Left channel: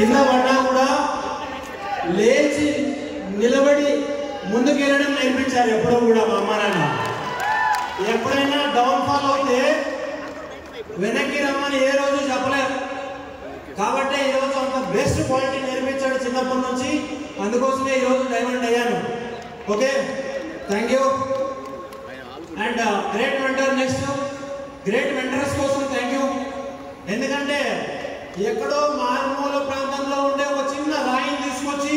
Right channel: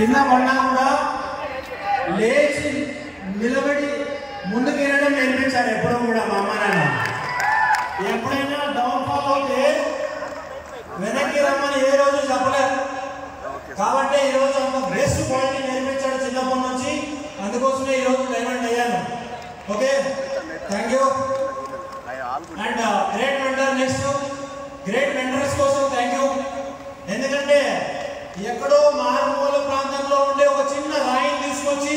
కింద పడినా కూడా లేచి నిలబడి ముందుకెళ్ళడం నేర్పించారు ఎప్పుడూ కూడా మా అమ్మ నాన్న. ఎప్పుడైనా డౌన్ ఫాల్ అవుతే వెనక్కి రమ్మని ఏ రోజు చెప్పలేదు. కాబట్టి ఈరోజు అంత బెస్ట్ క్వాలిటీ నేర్పించాడు చిన్నప్పటి నుంచి. అందుకోసమే ఈరోజు డైమండ్ అయ్యాను. Okay, thank you. And great mentor. Next great mentors కోసం థ్యాంక్ యూ. ఎందుకంటే ఎక్కడో మారుమూల ప్రాంతంలో ఉండే ఒక చిన్న రాయిని తీసుకొచ్చి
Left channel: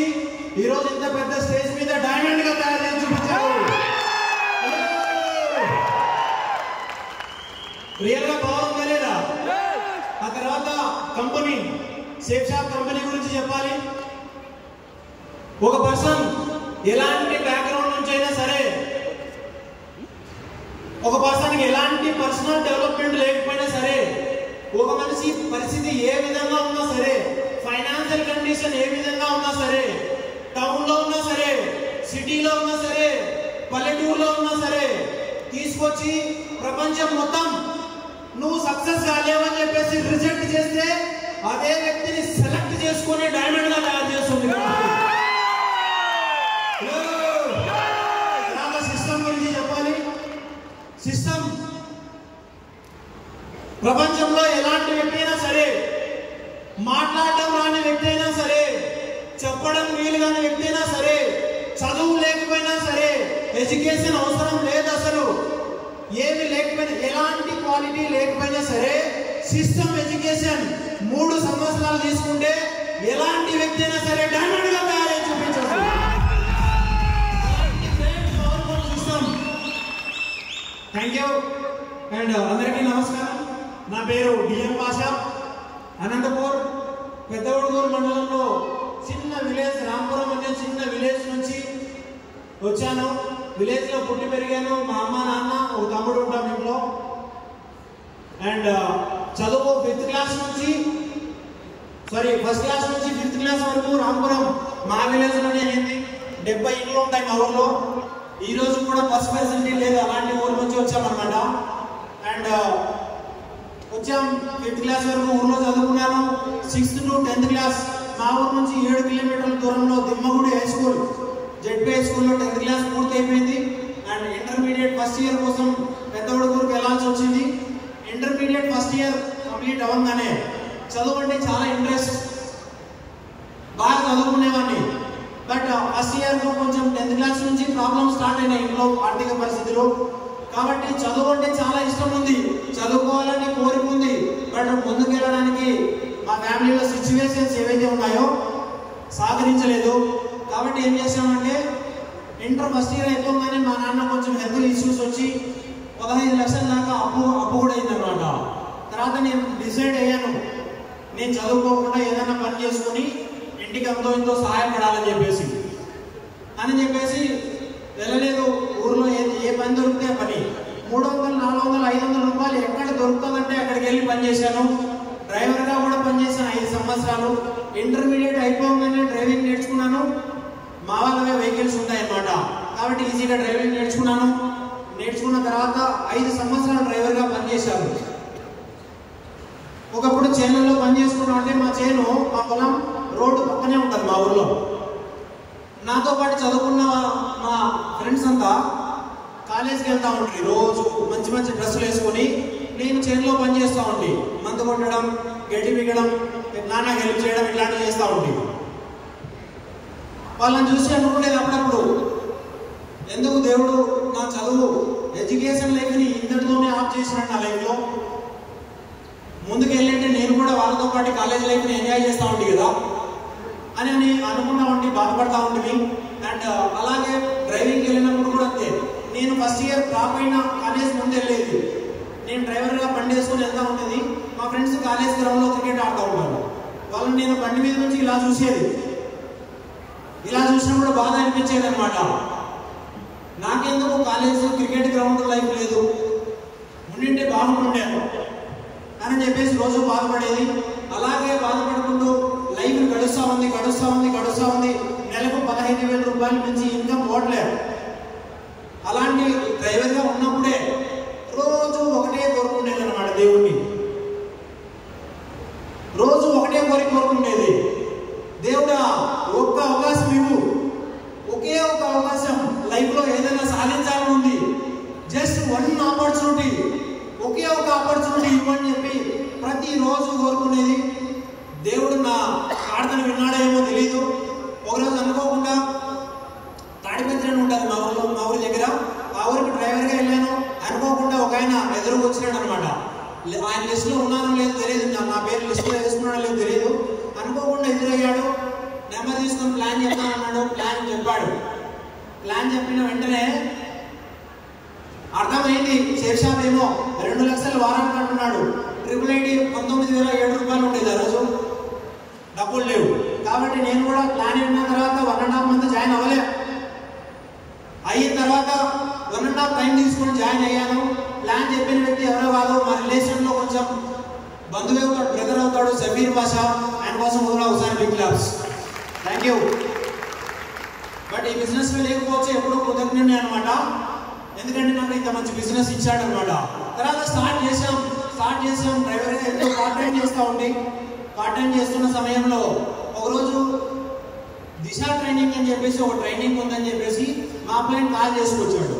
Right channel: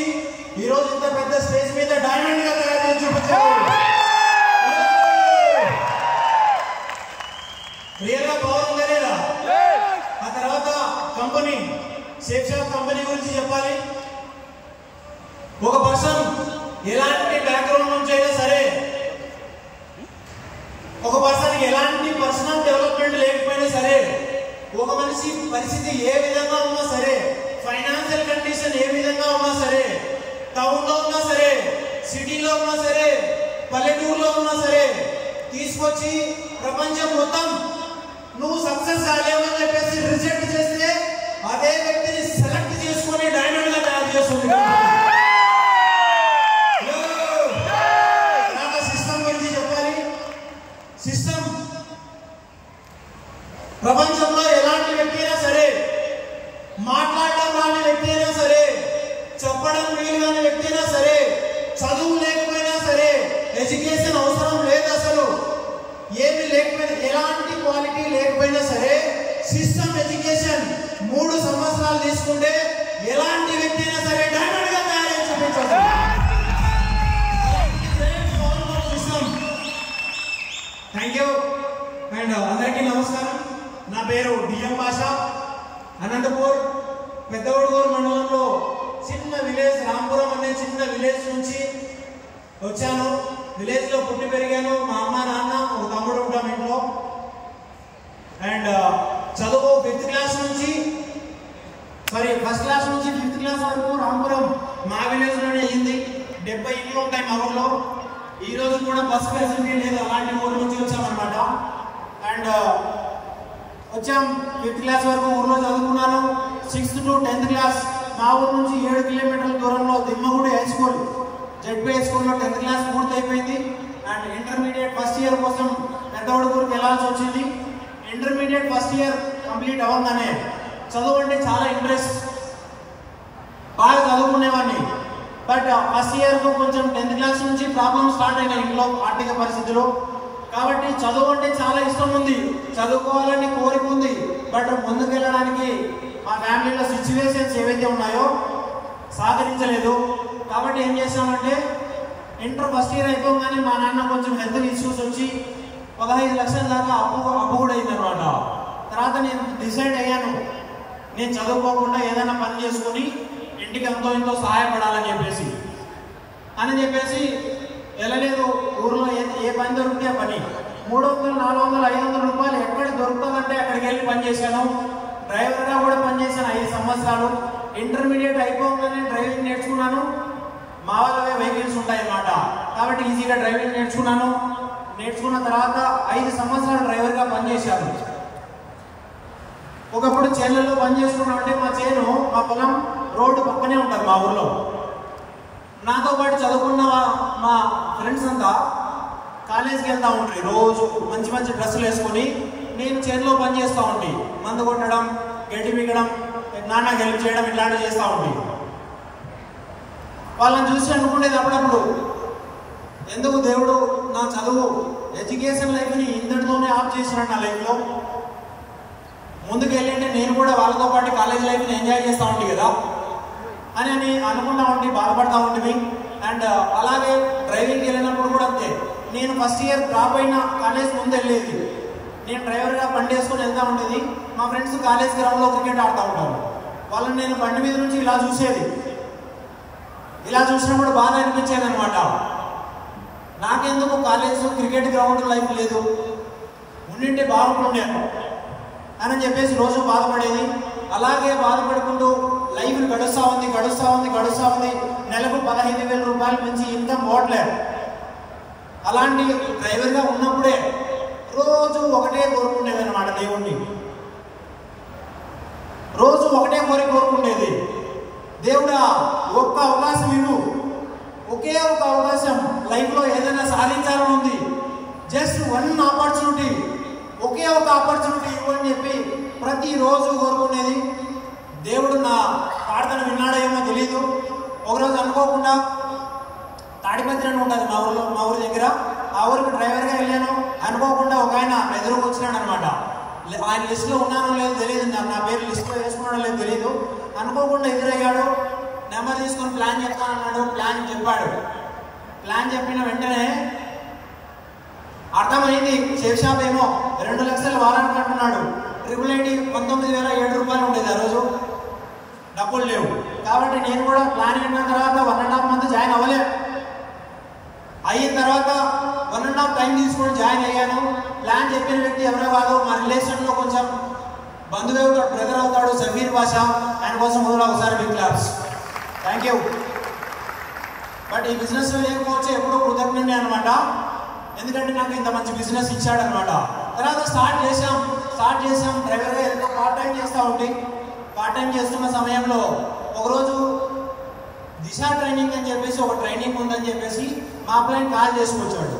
ఈరోజు ఇంత పెద్ద స్టేజ్ మీద డైమండ్ గా తయారు చేసి చూపించారు. రియల్ గా పవర్ ఉందా లేదా? ఆ తర్వాత కంపెనీ సేఫ్ షాప్ కంపెనీ గురించి చెప్పాలి. ఒక పర్సన్ ఎలాంటి బ్యాక్గ్రౌండ్ నుంచి అయినా సరే, ఒక పర్సన్ కి ఎలాంటి పర్సనల్ డెవలప్మెంట్ లేకపోయినా సరే, ఒక మనిషి పరిస్థితి ఏ విధంగా ఉన్నా సరే, ఫైనాన్షియల్ కండిషన్ ఏ విధంగా ఉన్నా సరే, టౌన్ లో ఉన్నా సరే, సిటీలో ఉన్నా సరే, పల్లెటూరులో ఉన్నా సరే, తీసుకొచ్చి ప్రపంచం మొత్తం నువ్వు సక్సెస్ కాలేవని చెప్పేసి రిజెక్ట్ చేస్తే అదే వ్యక్తిని సెలెక్ట్ చేసుకుని డైమండ్ గా తయారు చేస్తుంది. సిస్టమ్ గురించి చెప్పాలి. సిస్టమ్ ప్రపంచంలో ఎలాంటి వ్యక్తి అయినా సరే, మాట్లాడటం రాని వ్యక్తి అయినా సరే, చెప్పడం వీలు కాని వ్యక్తి అయినా సరే, చదువు లేకపోయినా సరే, ఎడ్యుకేషన్ అవసరం లేదు, అసలు ఏమి లేకపోయినా, ఎలాంటి క్వాలిటీ లేకపోయినా సరే, సిస్టమ్ ఎడ్యుకేషన్ 3 సంవత్సరాలు తీసుకుంటే ఎలాంటి వ్యక్తి అయినా సరే డైమండ్ గా తయారై చూపించవచ్చు. సిస్టమ్. Thank you. అండ్ అందరికీ నమస్కారం. నా పేరు డిఎం భాషా. అనంతపూర్ పెద్దవడుగూరు మండలంలో చిన్న విలేజ్, రాంపురం అనే చిన్న విలేజ్ నుంచి వచ్చాను. విలేజ్ లో పుట్టి పెరిగాను. మా అమ్మ నాన్న, ఒక తమ్ముడు ఉంటాం ఇంట్లో. అండ్ చదువు ఫస్ట్ క్లాస్ నుంచి 5th క్లాస్ వరకు రాంపురం మా విలేజ్ లోనే అయింది. 70 ఇళ్ళు ఉంటాయి మా ఊర్లో. ఈ రోజు కూడా బస్ ఫెసిలిటీ లేదు, అలాంటి ఊరు నుంచి వచ్చామన్నమాట. అండ్ వచ్చాం 5th క్లాస్ వరకు ఊర్లో చదువుకున్నాను. 6th to 10th క్లాస్ మా ఊరు నుంచి 7 కిలోమీటర్ల దూరంలో దిమ్మగూడి హై స్కూల్, జెడ్పీ హై స్కూల్లో 10th క్లాస్ పూర్తి అయిపోయింది. అండ్ ఇంటర్మీడియట్ ఫస్ట్ ఇయర్ కోసం పెద్దవడుగూరుకి వెళ్ళాల్సి వచ్చింది. ఇంటర్మీడియట్ ఫస్ట్ ఇయర్ కంప్లీట్ అవ్వగానే చదువు అంటే చాలా ఇంట్రెస్ట్, బాగా చదువుకునేవాడిని. బట్ ఫస్ట్ ఇయర్ లో కొంచెం 10th క్లాస్ నుంచి ప్రాబ్లమ్ స్టార్ట్ అయినాయి ఇంట్లో, ఆర్థిక పరిస్థితులు. కాబట్టి చదువు అంటే చాలా ఇష్టం ఉంది, చదువుకోవాలని కోరిక ఉంది. బట్ ముందుకెళ్ళడానికి మా ఫ్యామిలీలో సిచ్యువేషన్స్ ఏవైతే ఉన్నాయో సహకరించలేదు. కాబట్టి ఏం చేసామంటే, ఇంటర్ ఫస్ట్ ఇయర్ అయిపోగానే మా నాన్న కొంచెం హెల్త్ ఇష్యూస్ వచ్చి 15 లక్షల దాకా అప్పు కూడా అయిందనమాట. తర్వాత నేను డిసైడ్ అయ్యాను, నేను చదువుకోకుండా ఏదైనా పని చేసుకొని ఇంటికి ఎంతో ఎంతో సహాయపడాలని చెప్పేసి వెళ్ళలేదు. ఊర్లో ఏ పని దొరికితే ఆ పని 300, 400, 500 రూపాయలు ఎక్కడ దొరుకుతుందంటే అక్కడికి వెళ్ళి పని చేశాను. డ్రైవర్గా కూడా పనిచేశాను 5 సంవత్సరాలు. ఇంటర్మీడియట్ అయిపోగానే డ్రైవింగ్ నేర్చుకున్నాను. మా వాళ్ళవే వెహికల్స్ ఉంటాయన్నమాట, కాబట్టి ఈజీగా డ్రైవింగ్ నేర్చుకున్నాను. నేర్చుకున్న తర్వాత 5 సంవత్సరాలు డ్రైవర్గా పనిచేశాను. ఒకప్పుడు చేనులలో పని చేసుకున్నాం అంటే, మా చేను, మా పొలం రోడ్డు పక్కనే ఉంటారు మా ఊర్లో. నాతో పాటు చదువుకున్న మా ఫ్రెండ్స్ అంతా కాలేజీకి వెళ్తూ ఉంటారు. రోజు మంచి మంచి డ్రెస్సులు వేసుకొని నేను చేనులో పని చేస్తూ ఉండి మందు కొట్టడం, గడ్డి మిగడం, నాన్న హెల్ప్ చేయడం ఇలాంటివి చేస్తూ ఉండి వాళ్ళని చూసి అనుకునేది అప్పుడప్పుడు, ఎందుకు దేవుడు నా చదువు ఎడ్యుకేషన్ లైఫ్ని ఇంతటితోనే ఆఫ్ చేసినాడు నా లైఫ్లో. ముందుకు వెళ్ళింటే నేను కూడా వాళ్ళతో పాటు కాలేజ్ లైఫ్ని ఎంజాయ్ చేస్తూ ఉండి కదా అని అనుకుంటా ఉండి బాధపడతా ఉండేవి. అండ్ అలాగే డ్రైవింగ్కి వెళ్ళినప్పుడు కూడా అంతే. నేను ఫస్ట్ ఇయర్ డ్రాప్ అయినా కాలేజ్ ముందు వెళ్ళేది. నేను డ్రైవర్గా బండి వేసుకుని వెళ్తూ ఉండేది. మా ఫ్రెండ్స్ కాలేజ్ గ్రౌండ్లో క్రికెట్ ఆడుతూ ఉంటారు. వాళ్ళని నేను బండి మీద నుంచి ఇలా చూసేది. ఇలా చూసినా కూడా బాగా అనిపించేది అనమాట. నాకెందుకు కాలేజ్ క్రికెట్ గ్రౌండ్ లైఫ్ లేదు, ఉండింటే బాగుంటుండే అని చెప్పేసి రోజు బాధపడేది. అలాగే బాధపడుకుంటూ లైఫ్ గడుస్తూ ఉంది. నెలకు 15,000 రూపాయలు పెంచి ఇన్కమ్ పోవట్లేదు. అలాంటి డ్రైవర్గా ఉన్నప్పుడే రోజు ఒకటే కోరుకునేది అనమాట దేవుణ్ణి. రోజు ఒకటే కోరుకుండేది, అవకాశం ఇవ్వు. ఒకే ఒక అవకాశం లైఫ్లో ఏదైనా సాధించాలని ఉంది. జస్ట్ వన్ ఆపర్చునిటీ, ఒకే ఒక ఆపర్చునిటీ ఇవ్వని చెప్పి ప్రతిరోజు కోరుకునేది. దేవుడు నా ప్రార్థన విన్నాడేమో తెలీదు. ఒకరోజు అనుకోకుండా తాడిపత్రి అని ఉంటుంది మా ఊరి దగ్గర. ఆ ఊరికి డ్రైవర్గా వెళ్ళాను. అనుకోకుండా ఒక ఆయన ఎదురుకు వచ్చినాడు అనమాట. ఆయన లిస్టులో ఉన్నానో లేదో తెలియదు, నా పేరు లిస్టులో వేసుకున్నాడో లేదో తెలియదు. అనుకోకుండా ఎదురయ్యాడు. నెంబర్ తీసుకొని ప్లాన్ చెప్తానన్నాడు. ప్లాన్ చెప్పాడు. ప్లాన్ చెప్పిన వెంటనే అర్థమైంది, షేర్ షాప్ ఏమో 2 లక్షలు వారానికి అంటున్నాడు. ట్రిపుల్ ఐటీ 19,007 రూపాయలు ఉండేది ఆ రోజు. డబ్బులు లేవు. కాబట్టి నేను కూడా ప్లాన్ అయిన తర్వాత 1.5 మంత్ జాయిన్ అవ్వలేదు. అయిన తర్వాత 1.5 టైం తీసుకొని జాయిన్ అయ్యాను. ప్లాన్ చెప్పిన వ్యక్తి ఎవరో కాదు, మా రిలేషన్లో కొంచెం బంధువు అవుతాడు, బ్రదర్ అవుతాడు, సబీర్ బాషా. ఆయన కోసం కూడా ఒకసారి big claps. Thank you. But ఈ బిజినెస్లో లేకపోవచ్చు, ఎప్పుడూ కృతజ్ఞనే అనమాట. ఎందుకంటే నాకు ఇంత మంచి బిజినెస్ ఇచ్చాడు అనమాట. తర్వాత స్టార్ట్ చేసాం డ్రైవర్గా ఎంతో పార్ట్ టైం చేస్తూ ఉండి, పార్ట్ టైం చేస్తున్న సమయంలో ఒకరోజు దిశ ట్రైనింగ్ అని చెప్పేసి ఒక ట్రైనింగ్ ఉందని చెప్పేసి మా అప్లైన్ కాల్ చేసుకొచ్చాడు.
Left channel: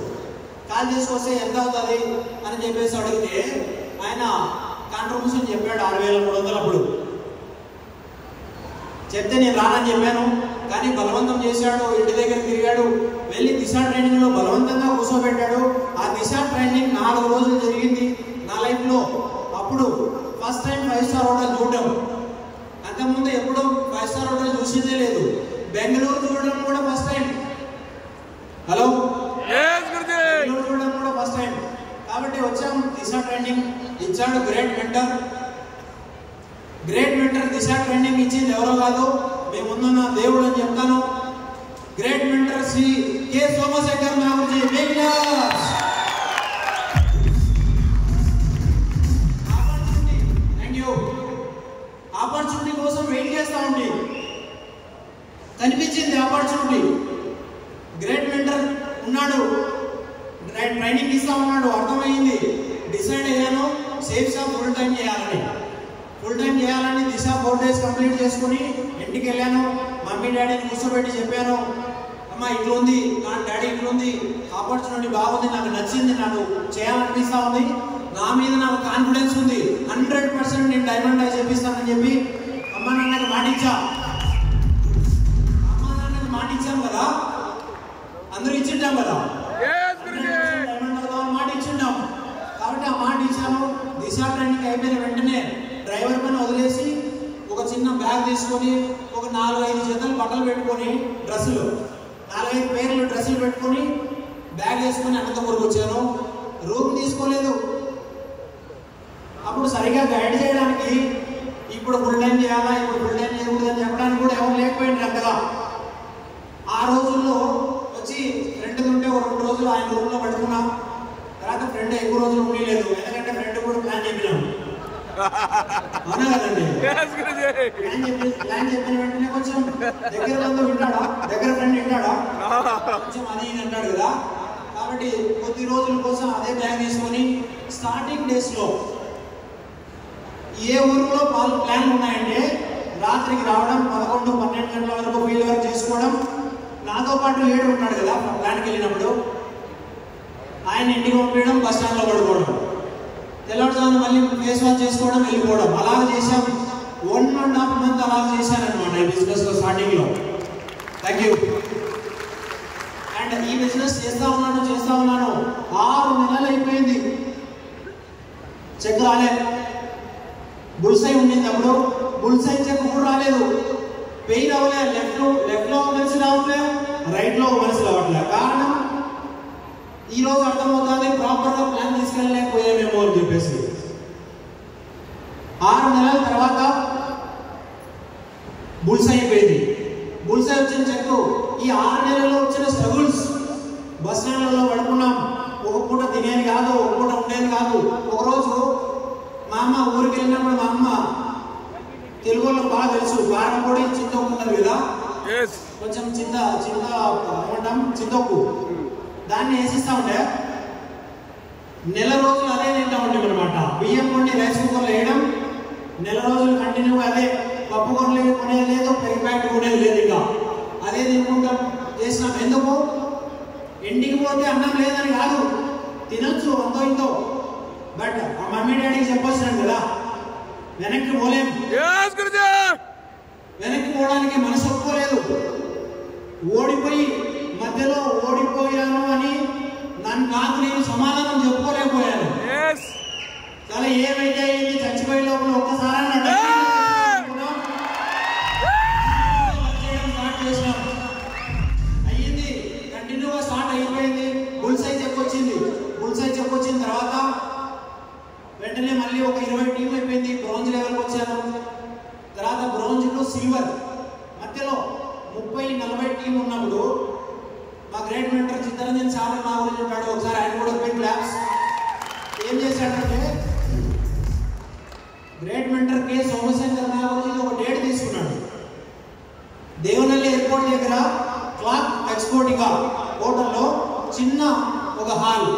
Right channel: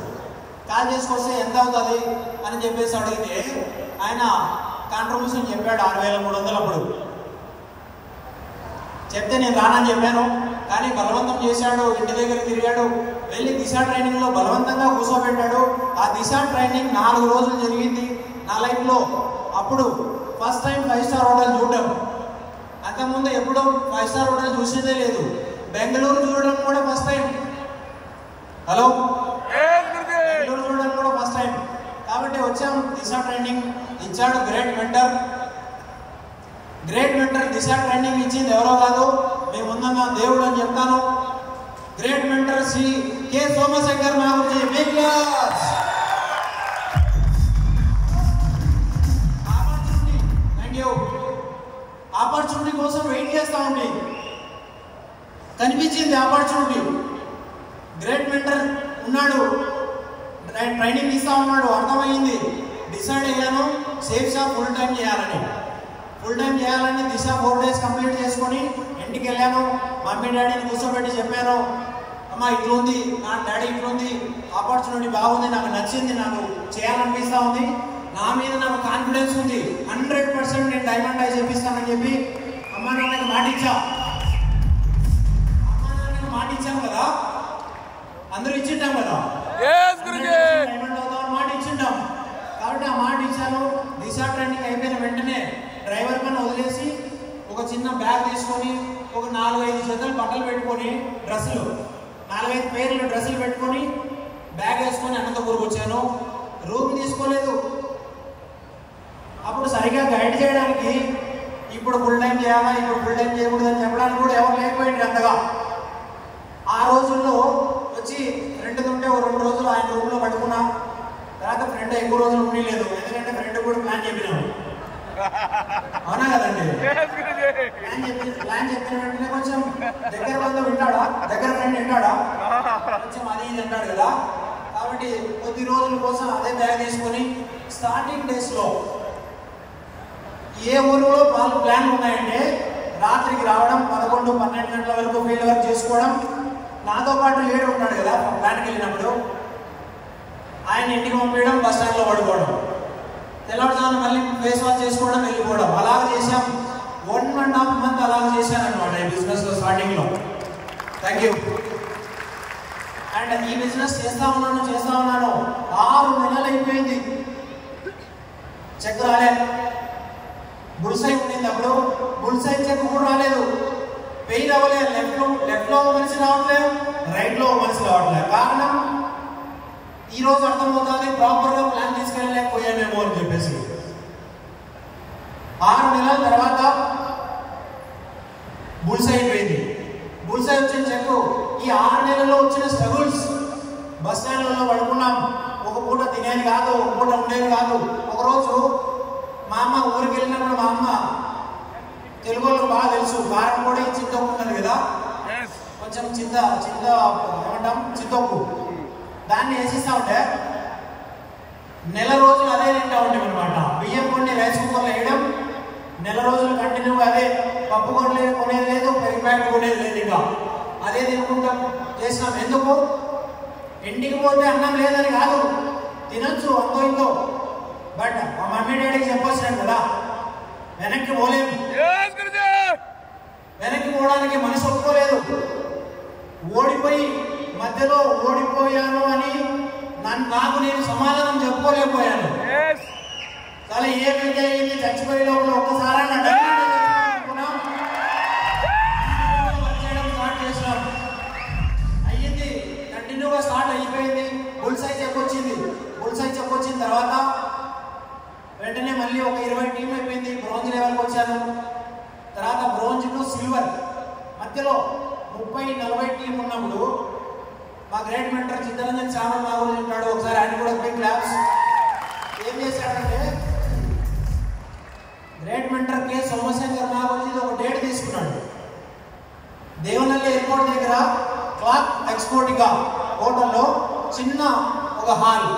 కాల్ చేసుకొస్తే ఎంత అవుతుంది అని చెప్పేసి అడిగితే ఆయన కాంట్రిబ్యూషన్ చెప్పాడు 6,300. అప్పుడు చెప్తే నేను రానని చెప్పాను. కానీ బలవంతం చేశాడు, ఇంటి దగ్గర తిరిగాడు. వెళ్ళి దిశ ట్రైనింగ్లో బలవంతంగా కూర్చోబెట్టాడు. ఆ దిశ ట్రైనింగ్ 4 రోజులు జరిగింది నా లైఫ్లో. అప్పుడు ఫస్ట్ టైం 5 స్టార్ హోటల్ చూడడం. అంతకుముందు ఎప్పుడూ 5 స్టార్ హోటల్ చూసేదే లేదు. బెంగళూరు చూడడం కూడా ఫస్ట్ టైం. హలో, బెంగళూరు చూడడం కూడా ఫస్ట్ టైం. కాబట్టి వచ్చాం. దిశ ట్రైనింగ్ ఇచ్చాడు గ్రేట్ మెంటర్. దిశ ట్రైనింగ్ ఇచ్చింది ఎవరో కాదు, మేము ముందున్న దేవుడు అని చెప్తాను. Great mentor Shri K Somashekar మా గురించి. Thank you. ఆపర్చునిటీ కోసం వెయిట్ చేస్తూ ఉండి కనిపించింది ఆపర్చునిటీ. గ్రేట్ మెంటర్ ఉన్నాడు, ట్రైనింగ్ ఇస్తా ఉన్నాడు. అర్థమైంది. డిసైడ్ అయ్యాను సేఫ్ షాప్ ఫుల్ టైం చేయాలని. దిశ 4 days కంప్లీట్ చేసుకుని ఇంటికి వెళ్ళాను. మమ్మీ డాడీని కూర్చోబెట్టి చెప్పాను, అమ్మా ఇట్లుంది, నా డాడీ ఇట్లుంది, ఆపర్చునిటీ బాగుంది, నాకు నచ్చింది, నాకు చేయాలనిపిస్తూ ఉంది, నా మీద నాకు కాన్ఫిడెన్స్ ఉంది, 100% నేను డైమండ్ ఐ చేపిస్తానని చెప్పి అమ్మ నాన్నకి మాటిచ్చాం కదా. అందరూ ఇచ్చింటాం కదా, మాట ఇచ్చింటాం. కాబట్టి ఆ మాట ఇచ్చాను. దిశ ట్రైనింగ్ అయిపోయిన వెంటనే డ్రైవర్ పైన వదిలేసి ఒక చిన్న బ్యాగ్ తీసుకొని ఒక 4-5 జతలు బట్టలు పెట్టుకొని, డ్రెస్సులు 4-5 పేర్లు డ్రెస్సులు పెట్టుకొని బ్యాగ్ వేసుకొని అనంతపురం వచ్చాను. రూమ్ తీసుకోలేదు. అప్పుడు సరిగా గైడ్ చేయడానికి, ఇప్పుడు ఫుల్ టైం చేయాలా, ఇప్పుడు ఫుల్ టైం చేయకూడదు అని చెప్పడానికి కూడా ఎవరు లేకపోయింది అంతగా. ఆ రోజుల్లో వచ్చి రెంట్ ఉంటే ఒక 2 రోజులు ఆయన రూమ్లో పడుకున్నా. తర్వాత ఫ్రెండ్ ఎక్కువ రోజులు ఉండలేదు, ఎందుకంటే ఫ్రెండ్ కూడా ప్లాన్ చెప్పినాము. అవునా కదండి? ప్లాన్ చెప్పిన వెంటనే కొంచెం దగ్గర బంధువు వింటాడా, దగ్గర ఫ్రెండ్ వింటాడా, కొంచెం అది ఇది అంటాడు కదా. కాబట్టి కొద్ది రోజుల కోసం అదే బ్యాగ్ తీసుకొని స్టార్టింగ్ డేస్లో ఏ ఊరిలో ప్లాన్ ఉన్నాయంటే రాత్రికి రావడం, 11-12 గంటల వరకు ఫీల్డ్ వర్క్ చేసుకోవడం. నాతో పాటు లీడర్ ఉంటాడు కదా, ప్లాన్కి వెళ్ళినప్పుడు ఆయన ఇంటికి పంపించడం, బస్ స్టాండ్లో పడుకోవడం, తెల్లవారుజామున మళ్ళీ ఫేస్ వాష్ చేసుకోవడం, వెళ్ళిపోవడం. అలాగ చేసాం. 1.5 month అలాగ చేశానమాట ఈ బిజినెస్లో స్టార్టింగ్లో. Thank you. అండ్ ఈ బిజినెస్ చేస్తా ఉన్నాను 6 నెలలు అయిపోయింది. చెక్ రాలేదు. బుల్సై ఉండింది అప్పుడు. బుల్సై చెక్ కూడా రాలేదు. పెయిన్ అవ్వలేదు. లెఫ్ట్లో మనిషి రావట్లేదు, రైట్లో మనిషి రావట్లేదు. కారణం ఈ రోజు అర్థమవుతుంది, ప్రాపర్గా ప్లాన్ తీసుకెళ్ళలేకపోయామేమో అని చెప్పేసి. 6 నెలల తర్వాత బుల్సై అయిపోయింది. బుల్సై వచ్చిన చెక్కు, ఈ 6 నెలల్లో వచ్చిన స్ట్రగుల్స్. బస్ స్టాండ్లలో పడుకున్నాం. ఒక పూట తినేది కాదు, ఒక పూట ఉండేది కాదు. ఒకరోజు మా అమ్మ ఊరికి వెళ్ళినప్పుడు, మా అమ్మ తెలుగులో బాగా తెలుసు, కారం కూడా చింతొక్కు ఉన్నది కదా, కొంచెం ఏమంటాం చింతొక్కు, దాన్ని వేసిస్తా ఉంటే నెల రోజులు అదే తింటా ఉండేవి అనమాట. బియ్యం కొన్ని రైస్ కుక్కర్లో వేయడం, నెల రోజులు కంటిన్యూగా అదే. పప్పు కొనేది లేదు, పెరుగు ప్యాకెట్ కొనేది లేదు. ఇక అదే తినుకుంటాం చేసినాం. ఎందుకు? ఇంటికి పోతే అన్నం లేదని కాదు, తినొచ్చు అంతో ఇంతో. బట్ ఆ మమ్మీ డాడీకి చెప్పొచ్చినాను కదా, వెనక్కి పోలేము. వెనక్కి పోవడానికి మనసు ఒప్పుకోలేదు. ఓడిపోయి మధ్యలో ఓడిపోయాను అని నాకు నేను సమాధానం చెప్పుకోలేకపోయాను. చాలా ఏమైతే అయింది, చచ్చిపోయే లోపల ఒక్కసారి స్టార్ట్ చేసినాం. అయ్యింది, కంటిన్యూగా స్టార్ట్ అయిపోయింది. బుల్ సైజ్ చెప్పొచ్చింది. బుల్ సైజ్ చెప్పొచ్చిన తర్వాత వెంటనే మళ్ళీ ఒక 20 టీంలు అయిపోయింది. బ్రోంజ్ లెవెల్కి వచ్చాను. తర్వాత బ్రోంజ్ టు సిల్వర్ మధ్యలో 30-40 టీం ఉన్నప్పుడు మా గ్రేట్ మెంటర్ చిత్తరంజన్ సాగర్ నా గురించి ఉన్నాడు. ఒకసారి ఆయన కూడా బిగ్ క్లాప్స్. ఏం చేశాడంటే గ్రేట్ మెంటర్ కే సోమశేఖర్ నా గురించి ఒక డేట్ తీసుకున్నాడు. దేవనల్లి ఎయిర్పోర్ట్ దగ్గర క్లాక్ ఎక్స్పోర్టిగా హోటల్లో చిన్న ఒక హాల్,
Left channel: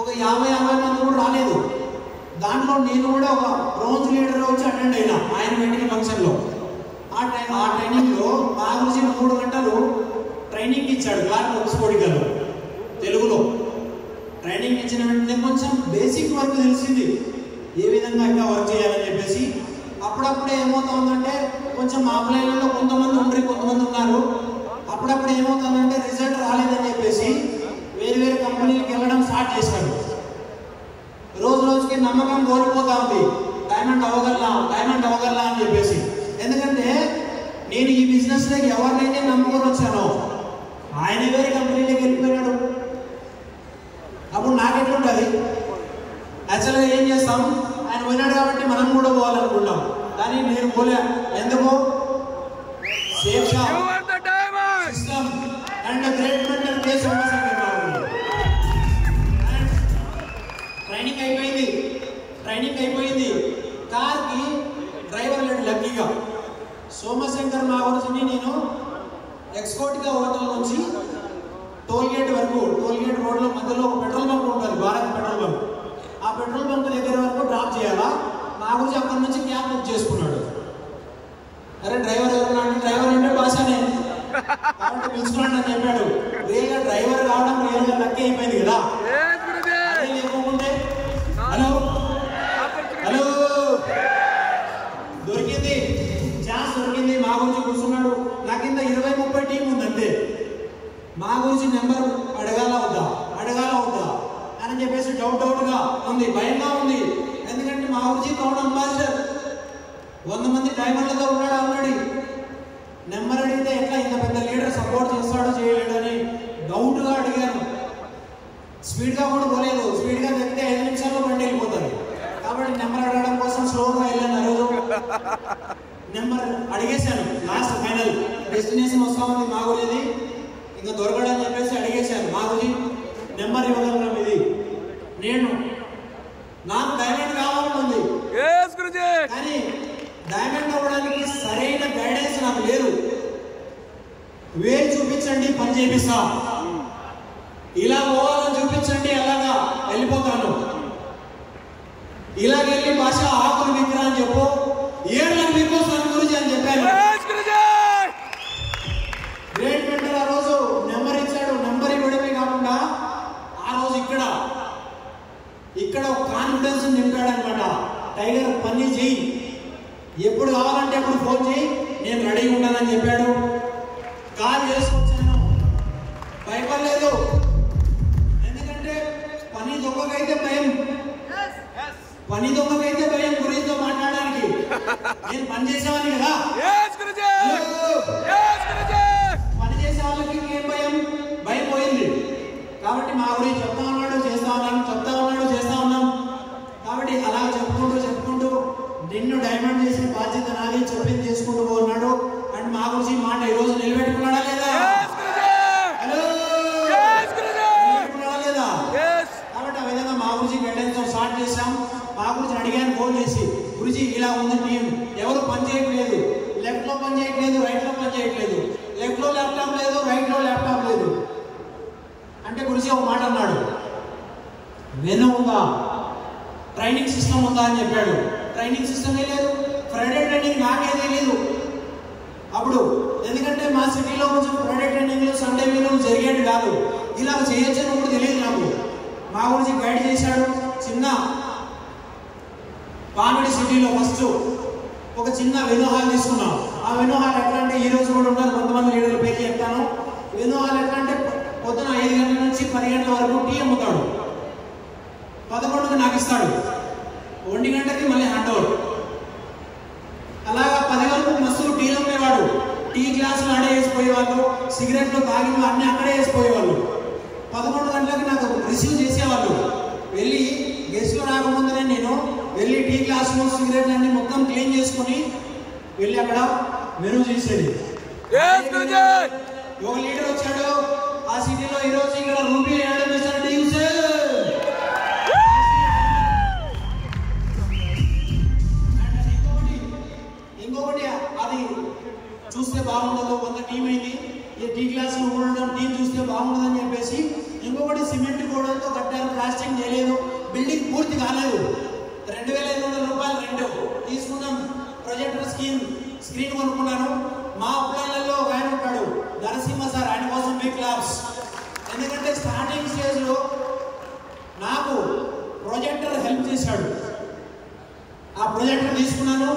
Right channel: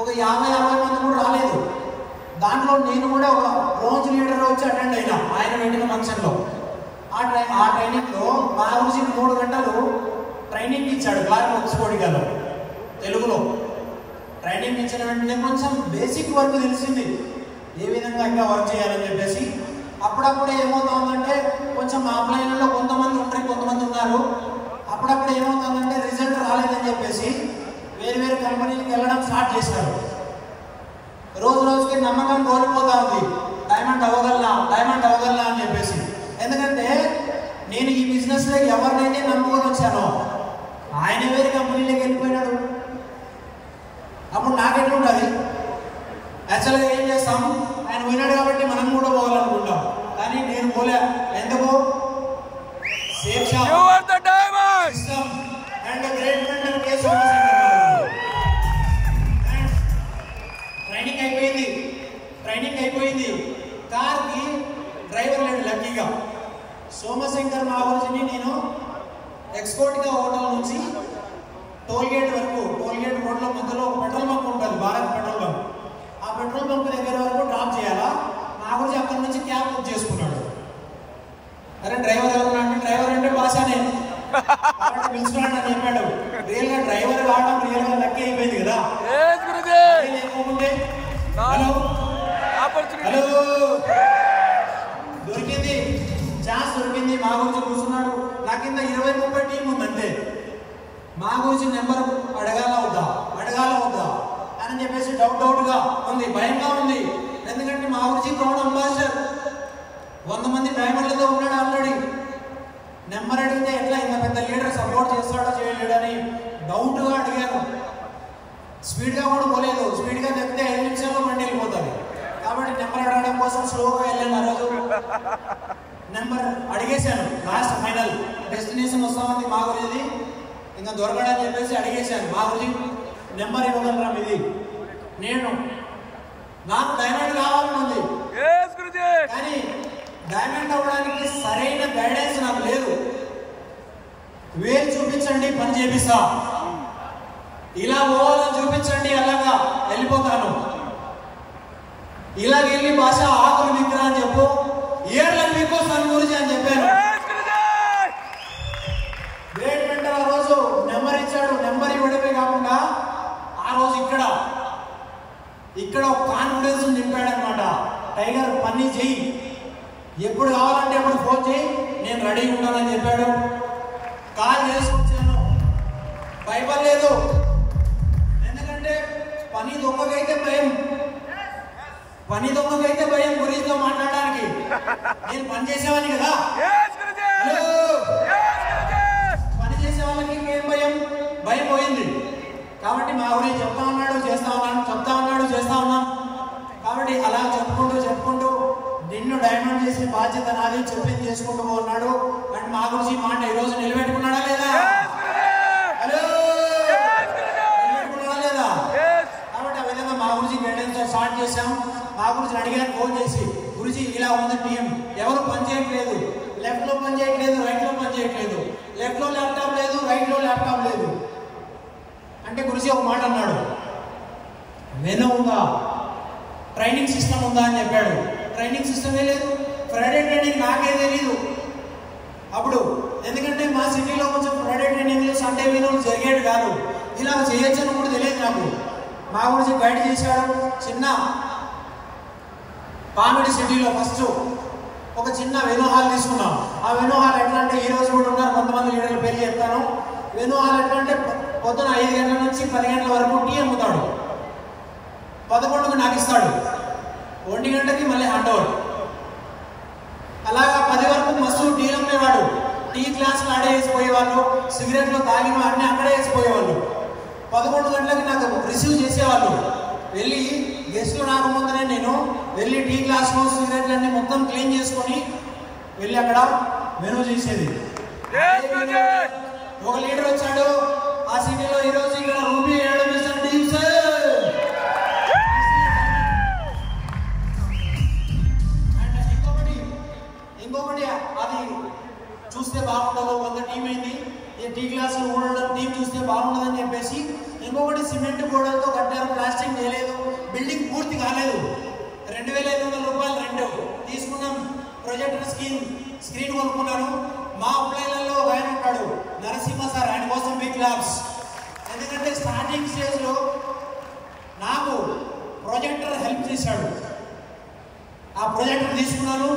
ఒక 50 మంది కూడా రాలేదు. దాంట్లో నేను కూడా ఒక బ్రోంజ్ లీడర్ వచ్చి అటెండ్ అయినా ఆయన పెట్టిన ఫంక్షన్లో. ఆ ట్రైనింగ్లో నా గురించి 3 గంటలు ట్రైనింగ్ ఇచ్చాడు క్లాక్ ఎక్స్పోర్టిగాలో. తెలుగులో ట్రైనింగ్ ఇచ్చిన వెంటనే కొంచెం బేసిక్ వర్క్ తెలిసింది, ఏ విధంగా ఇంకా వర్క్ చేయాలని చెప్పేసి. అప్పుడప్పుడే ఏమవుతుందంటే కొంచెం ఆఫ్లైన్లో కొంతమంది ఉంటారు, కొంతమంది ఉన్నారు. అప్పుడప్పుడు ఏమవుతుందంటే రిజల్ట్ రాలేదని చెప్పేసి వేరు కంపెనీలకు వెళ్ళడం స్టార్ట్ చేశారు. రోజు రోజుకి నమ్మకం కోల్పోతా ఉంది, డైమండ్ అవ్వగలనా అని చెప్పేసి. ఎందుకంటే నేను ఈ బిజినెస్ లోకి ఎవరినైతే నమ్ముకొని వచ్చానో ఆయన వేరే కంపెనీలోకి వెళ్ళిపోయినాడు. అప్పుడు నాకెట్లుంటుంది? యాక్చువల్గా ఏం చేస్తాం, ఆయన పోయినాడు కాబట్టి మనం కూడా పోవాలనుకుంటాం. కానీ నేను పోలే. ఎందుకు? Safe and great mentor case training అయిపోయింది. కార్కి డ్రైవర్ లేడు లక్కీగా. సోమశేఖర్ నా గురించి నేను ఎక్స్పోర్ట్గా హోటల్ నుంచి టోల్గేట్ వరకు, టోల్గేట్ రోడ్ల మధ్యలో ఒక పెట్రోల్ బంక్ ఉంటుంది, భారత్ పెట్రోల్ బంక్. ఆ పెట్రోల్ బంక్ దగ్గర వరకు డ్రాప్ చేయాలా. నా గురించి అక్కడి నుంచి క్యాబ్ బుక్ చేసుకున్నాడు. అరే డ్రైవర్ ఎవరు? డ్రైవర్ అంటే భాషనే పిలుచుకున్నాడు అని చెప్పాడు. రియల్గా డ్రైవర్ కావడం రియల్గా లక్కీ అయిపోయింది కదా. హలో దొరికింది, ఛాన్స్ దొరికింది. మా గురించి కూర్చున్నాడు. నా కింద 20-30 టీం ఉంది అంతే. మా గురించి నెంబర్ అడగాల వద్దా అని చెప్పేసి డౌట్గా ఉంది, భయంగా ఉంది. ఎందుకంటే మా గురించి క్రౌన్ అంబాసిడర్ 100 మంది డైమండ్లతో ఉన్నాడు ఆల్రెడీ. నెంబర్ అడిగితే ఎట్లా ఇంత పెద్ద లీడర్ సపోర్ట్ చేస్తాడో చేయలేడని డౌట్గా అడిగాను. స్పీడ్గా కూడా పోలేదు. స్పీడ్గా తెగితే 5 నిమిషాల్లో బండి వెళ్ళిపోతాడు. కాబట్టి నెంబర్ అడగడం కోసం స్లోగా వెళ్ళాను. ఆ రోజు నెంబర్ అడిగేశాను. లాస్ట్ ఫైనల్ డెస్టినేషన్ వస్తామని మా గురించి ఇంకా దొరకడని చెప్పేసి అడిగేశాను. మా గురించి నెంబర్ ఇవ్వగలరా ఇది? నాకు డైమండ్ కావాలనుంది, కానీ డైమండ్ అవ్వడానికి సరైన గైడెన్స్ నాకు లేదు. వేలు చూపించండి, పని చేపిస్తా. ఇలా పోవాలని చూపించండి, అలాగా వెళ్ళిపోతాను. ఇలాగెళ్ళి భాష ఆకులు విగ్రహం అని చెప్పు, ఏళ్ళకి విక్కొస్తాను గురించి అని చెప్పాను. గ్రేట్ మెంటర్ ఆ రోజు నెంబర్ ఇచ్చాడు. నెంబర్ ఇవ్వడమే కాకుండా ఆ రోజు ఇక్కడ ఒక కాన్ఫిడెన్స్ నింపాడు అనమాట. టైగర్ పని చెయ్యి, ఎప్పుడు కావాలంటే అప్పుడు ఫోన్ చేయి, నేను రెడీ ఉన్నానని చెప్పాడు. కాల్ చేసుకొచ్చాను, భయపడలేదు. ఎందుకంటే పని దొంగకైతే భయం గురితో మాట్లాడడానికి. నేను పని చేసేవాడిని కదా. పని చేసే వాళ్ళకి ఏం భయం పోయింది. కాబట్టి మా గురించి చెప్తా ఉన్నాడు, చేస్తా ఉన్నాం. కాబట్టి అలా చెప్పుకుంటూ నిన్ను డైమండ్ చేసే బాధ్యత నాది, చెప్పింది చేసుకుంటూ పోతున్నాడు. అండ్ మా గురించి మాట ఈ రోజు నిలబెట్టుకున్నాడా లేదా? కాబట్టి ఆ విధంగా మా గురించి గైడెన్స్ స్టార్ట్ చేశాం. మా గురించి అడిగాను ఫోన్ చేసి, గురించి ఇలా ఉంది టీం, ఎవరు పని చేయట్లేదు, లెఫ్ట్ లో పని చేయట్లేదు, రైట్ లో పని చేయట్లేదు, లెఫ్ట్ లో ల్యాప్టాప్ లేదు, రైట్ లో ల్యాప్టాప్ లేదు అంటే గురించి ఒక మాట అన్నాడు, వెను ఉందా, ట్రైనింగ్ సిస్టమ్ ఉందా అని చెప్పాడు. ట్రైనింగ్ సిస్టమ్ లేదు, ఫ్రైడే ట్రైనింగ్ నాకే తెలియదు అప్పుడు. ఎందుకంటే మా సిటీలో ఇలా చేయొచ్చని కూడా తెలియదు నాకు. మా గురించి గైడ్ చేశాడు. చిన్న కామెడీ సిటీలో ఫస్ట్ ఒక చిన్న వెను హాల్ తీసుకున్నాం. ఆ వెను హాల్ ఎట్లా అంటే ఈ రోజు కూడా ఉన్నారు కొంతమంది లీడర్ల పేరు చెప్తాను. వెను హాల్ ఎట్లా అంటే పొద్దున 5 గంటల నుంచి 10 గంటల వరకు టీ అమ్ముతాడు. 11కు నాకు ఇస్తాడు, 1 గంటకి మళ్ళీ హ్యాండ్ ఓవర్. అలాగా 10 వరకు మస్తు టీలు అమ్మేవాడు. టీ గ్లాసులు ఆడే వేసిపోయేవాళ్ళు, సిగరెట్లు తాగి అన్నీ అక్కడే వేసిపోయేవాళ్ళు. 11 గంటలకి నాకు రిసీవ్ చేసేవాళ్ళు. వెళ్ళి గెస్ట్లు రాకముందనే నేను వెళ్ళి టీ గ్లాసులు సిగరెట్లు అన్ని మొత్తం క్లీన్ చేసుకొని వెళ్ళి అక్కడ మెనూ చేసేది. ఒక లీడర్ వచ్చాడు ఆ సిటీలో, ఈరోజు ఇక్కడ రూపీ వేయడం చేశాడు. ఇంకొకటి అది చూస్తే బాగుండదు, కొంత టీం అయింది టీ గ్లాసులు ఉండడం టీం చూస్తే బాగుండదని చెప్పేసి ఇంకొకటి సిమెంట్ గోడలతో కట్టారు, ప్లాస్టింగ్ చేయలేదు, బిల్డింగ్ పూర్తి కాలేదు. 2,500 రూపాయలు రెంట్ తీసుకున్నాం. ప్రొజెక్టర్ స్క్రీన్ కొనుక్కున్నాను. మా అప్లైలలో ఒక ఆయన ఉంటాడు నరసింహ సార్, ఆయన కోసం బిగ్ క్లాప్స్. ఎందుకంటే స్టార్టింగ్ స్టేజ్లో నాకు ప్రొజెక్టర్ హెల్ప్ చేశాడు. ఆ ప్రొజెక్టర్ తీసుకున్నాను.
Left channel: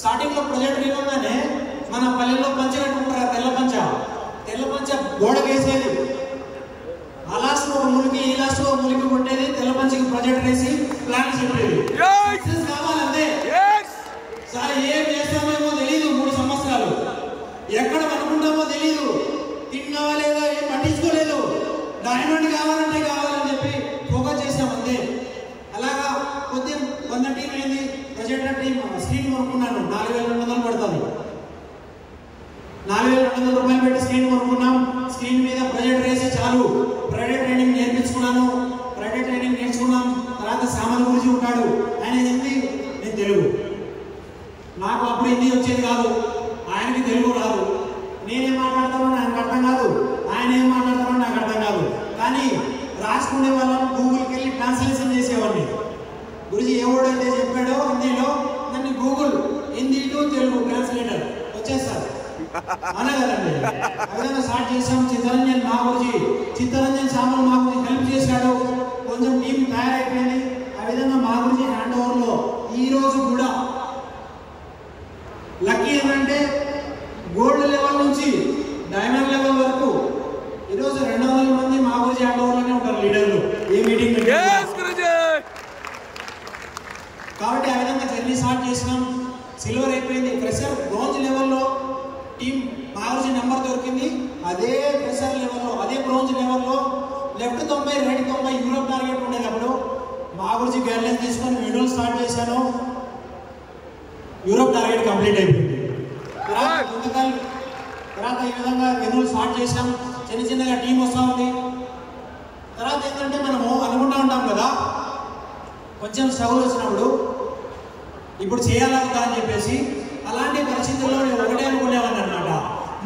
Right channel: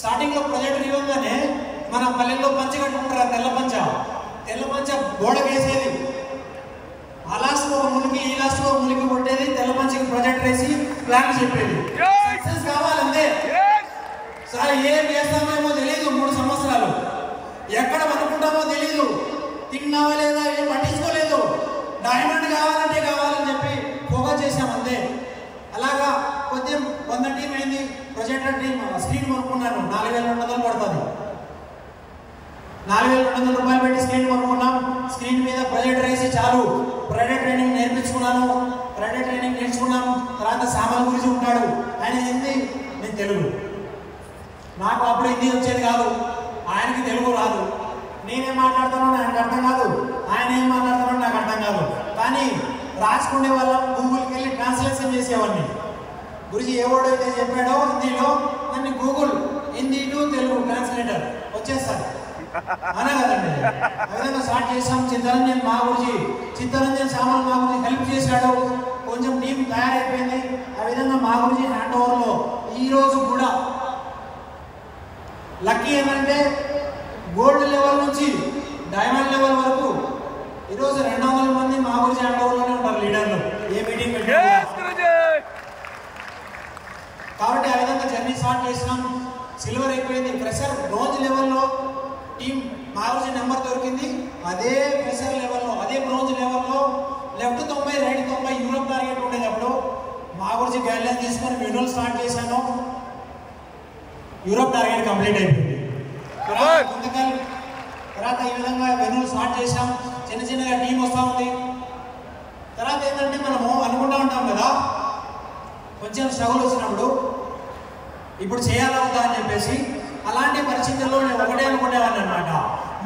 స్టార్టింగ్లో ప్రొజెక్టర్ ఇవ్వగానే మన పల్లెల్లో పంచ కట్టుకుంటారు, తెల్ల పంచ గోడకు వేసేది. ఆ లాస్ట్లో ములికి ఈ లాస్ట్లో ములికి కొట్టేది, తెల్ల పంచకి ప్రొజెక్టర్ వేసి ప్లాన్ చెప్పేది. కావాలంటే సార్ ఏం చేస్తామేమో తెలియదు. 3 సంవత్సరాలు ఎక్కడ అనుకుంటామో తెలియదు. తిన్నావా లేదా ఏం పట్టించుకోలేదు. డైమండ్ కావాలంటే కావాలని చెప్పి ఫోకస్ చేసాం అంతే. అలాగా కొద్దిగా 100 టీం అయింది. ప్రొజెక్టర్ టీం స్క్రీన్ కొనుక్కున్నాను. 4,200 పడుతుంది. 4,200 రూపాయలు పెట్టి స్క్రీన్ కొనుక్కున్నాం. స్క్రీన్ మీద ప్రొజెక్టర్ వేసి చాలు. ప్రైవేట్ ట్రైనింగ్ నేర్పించుకున్నాను. ప్రైవేట్ ట్రైనింగ్ నేర్చుకున్నాం. తర్వాత సామాన్ గురించి ఉంటాడు, ఆయన హిందీ, నేను తెలుగు. నాకు అప్పుడు హిందీ వచ్చేది కాదు, ఆయనకి తెలుగు రాదు. నేనేం మాట్లాడతానో ఆయనకు అర్థం కాదు, ఆయన ఏం మాట్లాడతానో నాకు అర్థం కాదు. కానీ రాసుకునే వాళ్ళం గూగుల్కి వెళ్ళి ట్రాన్స్లేషన్ చేసేవాడిని. గురించి ఏ వర్డ్ అయితే చెప్పాడో హిందీలో దాన్ని Google Hindi to Telugu translator వచ్చేస్తారు. అనే కదండి. ఆ విధంగా స్టార్ట్ చేసాం. చిత్తరంజన్ సామాన్ మా గురించి హెల్ప్ చేశాడు. కొంచెం టీం తయారైపోయింది. ఆ విధంగా మా గురించి హ్యాండ్ ఓవర్లో ఈ రోజు కూడా లక్కీ ఏమంటే గోల్డ్ లెవెల్ నుంచి డైమండ్ లెవెల్ వరకు ఈరోజు 200 మంది మా గురించి హ్యాండ్ ఓవర్లోనే ఉంటారు లీడర్లు. ఏ మీటింగ్ కాబట్టి ఆ విధంగా జర్నీ స్టార్ట్ చేసినాం. సిల్వర్ అయిపోయింది. ప్రెషర్ బ్రోంజ్ లెవెల్లో టీం మా గురించి నెంబర్ దొరికింది. అదే ప్రెషర్ లెవెల్లో, అదే బ్రోంజ్ లెవెల్లో లెఫ్ట్ 90 రైట్ 90 యూరోప్ టార్గెట్ ఉండేది. అప్పుడు మా గురించి గైడ్ లైన్ తీసుకొని వీడియోలు స్టార్ట్ చేశాను. యూరోప్ టార్గెట్ కంప్లీట్ అయిపోయింది. తర్వాత ఈ విధంగా వీడియోలు స్టార్ట్ చేశాం. చిన్నగా టీం వస్తూ ఉంది. తర్వాత ఏంటంటే మనము అనుకుంటూ ఉంటాం కదా, కొంచెం స్ట్రగుల్ వచ్చినప్పుడు ఇప్పుడు చేయాలవుతా అని చెప్పేసి అలాంటి పరిస్థితుల్లో నేను ఒకటే అనుకునేవాడిని అనమాట.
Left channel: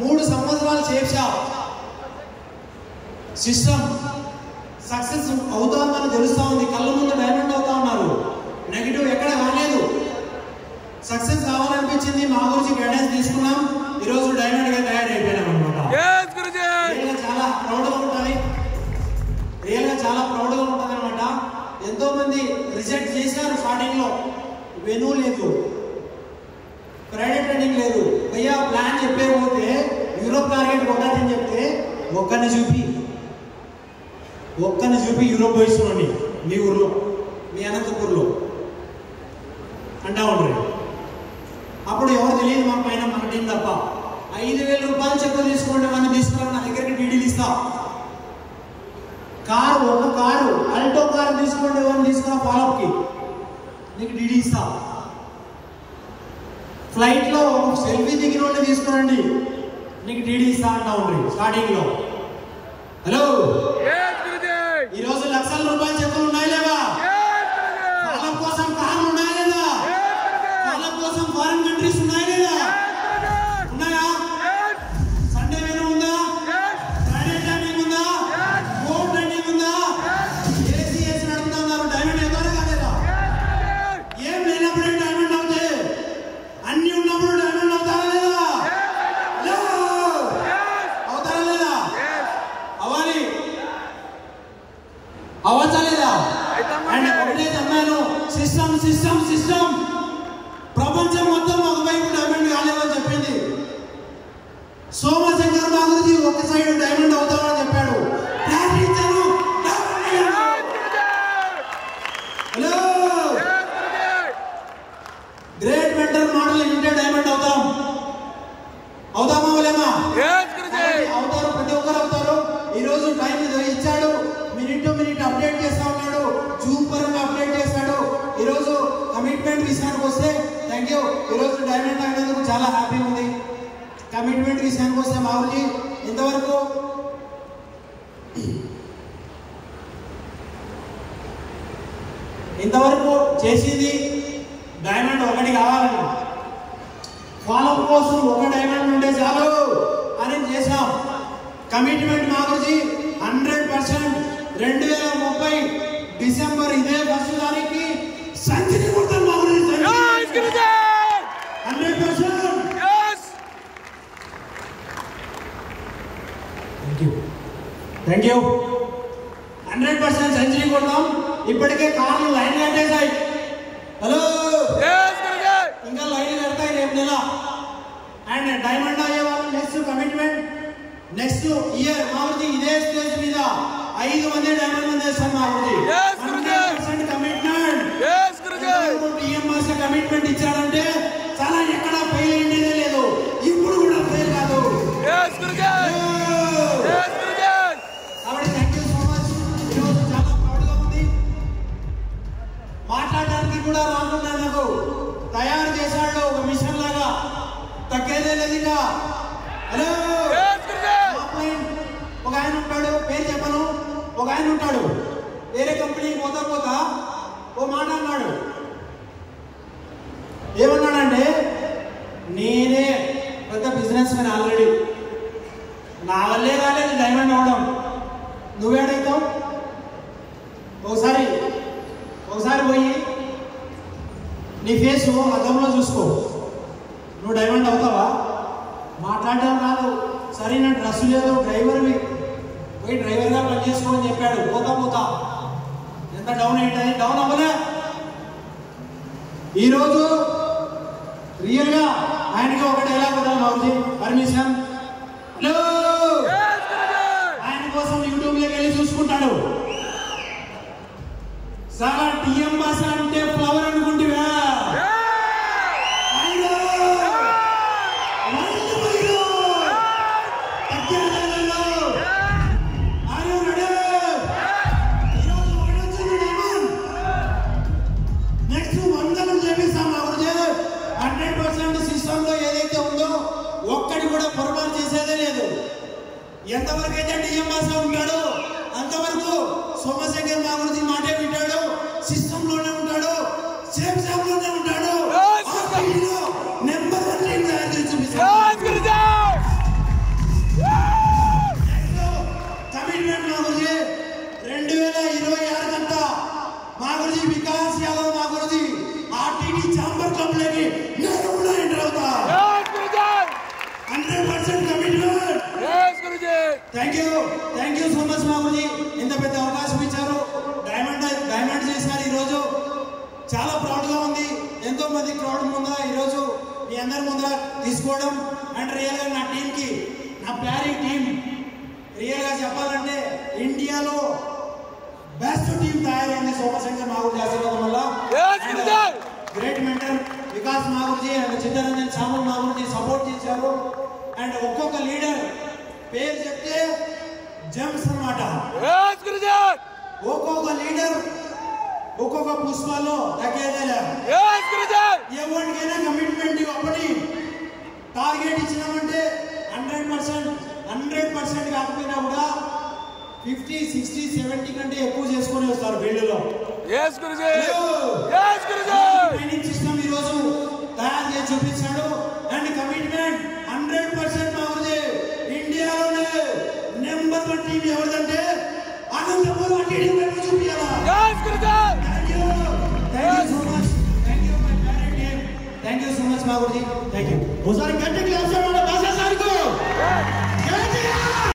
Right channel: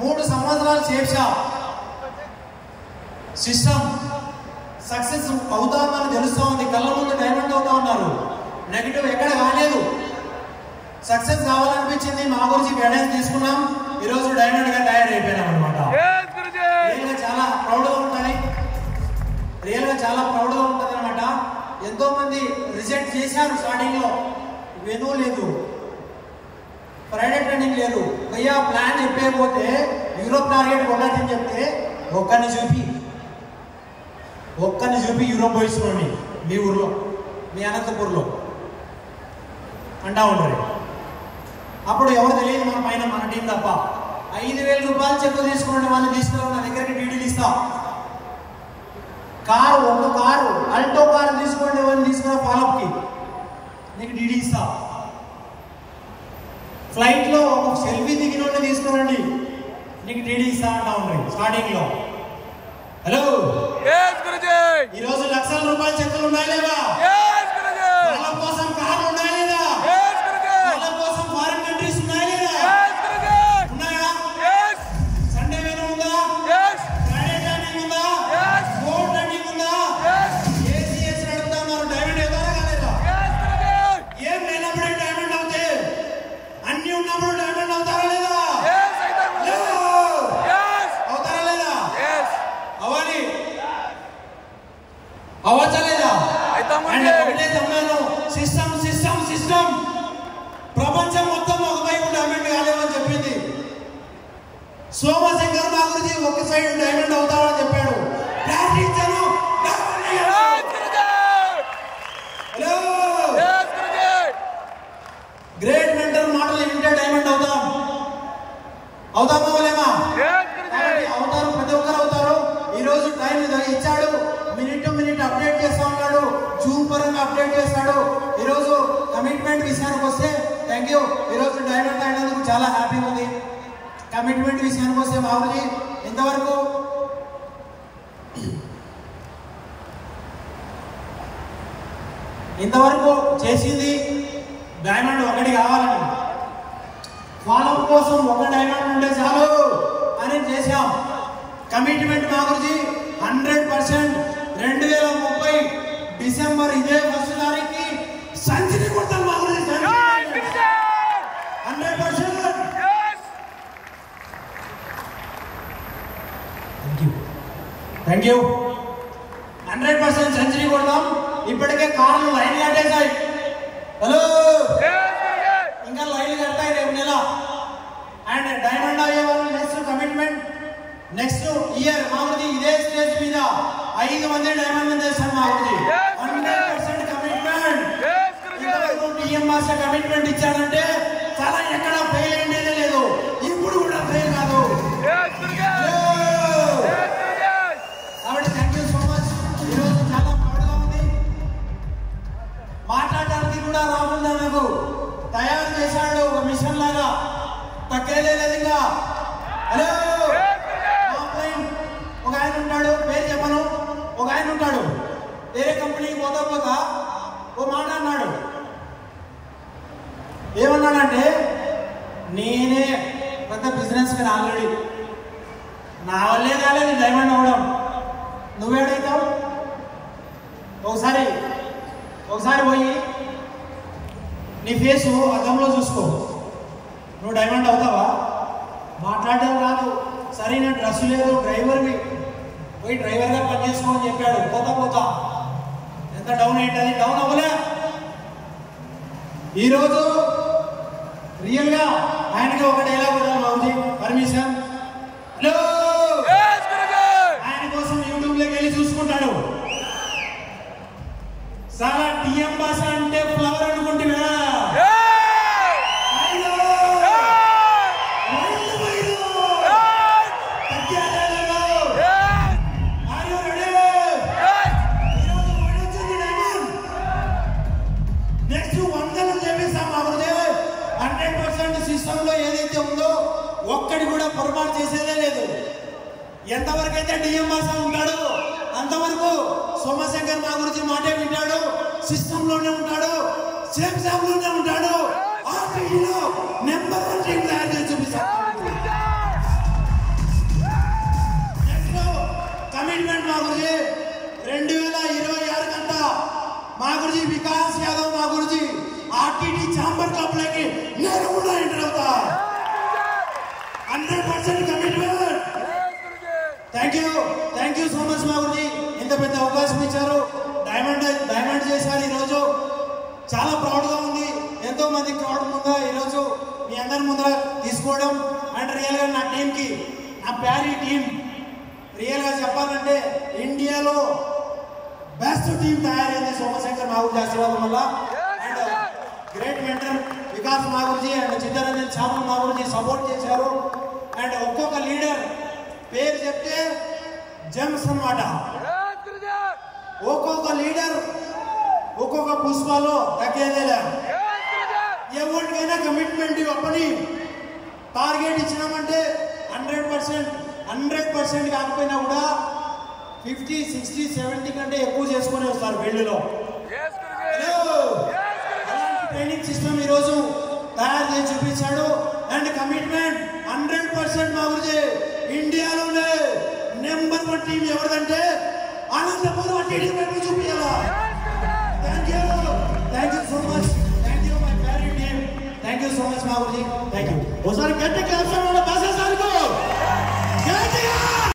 3 సంవత్సరాలు చేసా, సిస్టమ్ సక్సెస్ అవుతా ఉందని తెలుస్తూ ఉంది. కళ్ళ ముందు డైమండ్ అవుతా ఉన్నారు. నెగిటివ్ ఎక్కడ కాలేదు. సక్సెస్ కావాలనిపించింది. మా గురించి గైడెన్స్ తీసుకున్నాం. ఈరోజు డైమండ్ గా తయారైపోయినాం అనమాట. చాలా ప్రౌడ్గా ఉంటుంది. రియల్గా చాలా ప్రౌడ్గా ఉంటుంది అనమాట. ఎంతో మంది రిజెక్ట్ చేశారు స్టార్టింగ్ లో. వెను లేదు, ప్రైవేట్ ట్రైనింగ్ లేదు. అయ్యా ప్లాన్ చెప్పేపోతే యూరోప్ టార్గెట్ ఒకటి చెప్తే ఒక్కరిని చూపి యూరోప్ పోయి చూడండి మీ ఊర్లో, మీ అనంతపూర్లో అంటా ఉండరు. అప్పుడు ఎవరు తెలియదు మన పైన, మన టీం తప్ప. 5,000 రూపాయలు చెక్ తీసుకోండి, వాళ్ళని తీసుకురావు, నా దగ్గరికి డీడీలు ఇస్తా. ఒక కారు అల్టో కారు తీసుకోండి, వాళ్ళని తీసుకురా ఫాలోఅప్కి, నీకు డీడీ ఇస్తా. ఫ్లైట్లో సెల్ఫీ దిగిన తీసుకురండి, నీకు డీడీ ఇస్తా అంటా ఉంది స్టార్టింగ్ లో. హలో, ఈరోజు లక్షల రూపాయల చెక్కులు ఉన్నాయి లేదా? వాళ్ళ కోసం కార్లు ఉన్నాయి లేదా? వాళ్ళ కోసం ఫారిన్ కంట్రీస్ ఉన్నాయి లేదా? ఉన్నాయా? సండే వేరు ఉందా? ఫ్రైడే టైమింగ్ ఉందా? ఫోన్ టైమింగ్ ఉందా? ఏసీ నడుపుతా ఉన్నారు. డైమండ్ అవుతారా కాలేదా? ఏం లేనప్పుడు డైమండ్ అవుతాయి, అన్ని ఉన్నప్పుడు డైమండ్ అవుతారా లేదా? అవుతారా లేదా? అవ్వాలి. డైమండ్ అయినందుకు చాలా హ్యాపీగా ఉంది. కమిట్మెంట్ విషయానికి వస్తే మా ఊరికి ఇంతవరకు చేసింది డైమండ్ ఒకటి కావాలని, ఫాలోఅప్ కోసం ఒక డైమండ్ ఉంటే చాలు అని చేశాం. కమిట్మెంట్ మా గురించి 100%. 2030 డిసెంబర్ ఇదే 1 తారీఖుకి సెంచరీ కొడతాం మా గురించి 100%. Thank you. 100% సెంచరీ కొడతాం. ఇప్పటికే కార్లు లైన్ కట్టేసాయి. హలో, ఇంకా లైన్ కట్టాయి రేపు నెల. అండ్ డైమండ్ అయ్యే వాళ్ళు నెక్స్ట్ కమిట్మెంట్ నెక్స్ట్ ఇయర్ మా ఊరికి ఇదే స్టేజ్ మీద 5 మంది డైమండ్ చేస్తాను మా ఊరికి. 100% కమిట్మెంట్. టీఎంఆర్సీ కమిట్మెంట్ ఇచ్చాడంటే చాలా ఎక్కడ ఫెయిల్ అయిందేనే లేదు, ఇప్పుడు కూడా ఫెయిల్ కాదు. కాబట్టి థ్యాంక్ యూ సో మచ్. ఈరోజు చాలా ప్రౌడ్గా ఉంది. మాట్లాడడానికి కూడా రాకుండా నాకు తయారు చేశాడు ఒక మిషన్ లాగా, తగ్గేదే లేదు. ఇంకా హలో, ఒక ఆయన ఉంటాడు, పేరు చెప్పను, ఒక ఆయన ఉంటాడు, వేరే కంపెనీకి పోతా ఓ మాట అన్నాడు. ఏమన్నాడంటే, నేనే పెద్ద బిజినెస్ మ్యాన్, ఆల్రెడీ నా వల్లే కాలేదు డైమండ్ అవ్వడం, నువ్వేడైతావు? ఒకసారి పోయి నీ ఫేసు అద్దంలో చూసుకో, నువ్వు డైమండ్ అవుతావా? మాట్లాడడం రాదు, సరైన డ్రెస్ లేదు, డ్రైవర్వి, పోయి డ్రైవర్గా పని చేసుకోమని చెప్పాడు. పోతా ఎంత డౌన్ ఏంటది, డౌన్ అవ్వలే. ఈరోజు రియల్గా ఆయనకి ఒక డైలాగ్ వదలదు, పర్మిషన్. హలో, ఆయన కోసం యూట్యూబ్లోకి వెళ్ళి చూసుకుంటాడు. సారా టీఎం భాష అంటే ఫ్లవర్ అనుకుంటువా? నెక్స్ట్ 100 చెప్పేస్తాం. అప్పుడు 100% సిస్టంలో ఏదైతే ఉందో ఒక్కడి కూడా పొరపాటు చేసేదే లేదు. ఎంతవరకు అయితే టీఎం భాష ఉంటాడో అంతవరకు సోమశేఖర్ మా గురించి మాటే వింటాడు, సిస్టమ్ లోనే ఉంటాడు, సేమ్ లోనే ఉంటాడు. నెంబర్ 1 టీం తయారు చేసి కమిట్మెంట్ మా గురించి 2026 కంటా మా గురించి వికాస్ యాదవ్ మా గురించి ఆర్టీటీ ఛాంబర్ క్లబ్ లోకి నేను కూడా ఎంటర్ అవుతా. 100% commitment. Thank you so much మా గురించి ఇంత పెద్ద అవకాశం ఇచ్చారు. డైమండ్ చేశారు. ఈరోజు చాలా ప్రౌడ్గా ఉంది. ఎంతో మంది క్రౌడ్ ముందు ఈరోజు మీ అందరి ముందర తీసుకోవడం అండ్ రియల్గా నా టీంకి, నా ప్యారీ టీం, రియల్గా చెప్పాలంటే ఇండియాలో బెస్ట్ టీం తయారైంది సోమశేఖర్ నాగుడి ఆశీర్వాదం వల్ల. గ్రేట్ మెంటర్ వికాస్ నాగుర్జీ అండ్ చిత్తరంజన్ సాము నాగుర్జీ సపోర్ట్ చేశారు. అండ్ ఒక్కొక్క లీడర్ పేరు చెప్తే జమ్స్ అన్నమాట. ఒక్కొక్క లీడర్ ఒక్కొక్క పుష్పాలో తగ్గేదేలే. ఎవరికైనా కమిట్మెంట్ ఇవ్వని టార్గెట్ ఇచ్చినామంటే 100% కాకపోయినా కూడా 50, 60, 70 కంటే ఎక్కువ చేసుకుని వస్తారు ఫీల్డ్లో. ట్రైనింగ్ సిస్టమ్ ఈరోజు తయారు చేసి చూపించాడు. అండ్ కమిట్మెంట్ 100% బాగుంది. ఇండియాలోనే నెంబర్ 1 టీం ఎవరిదంటే అనంతపురం చూపించాలా. Thank you so much. Thank you my parent team. Thank you so much Babuji. Thank you.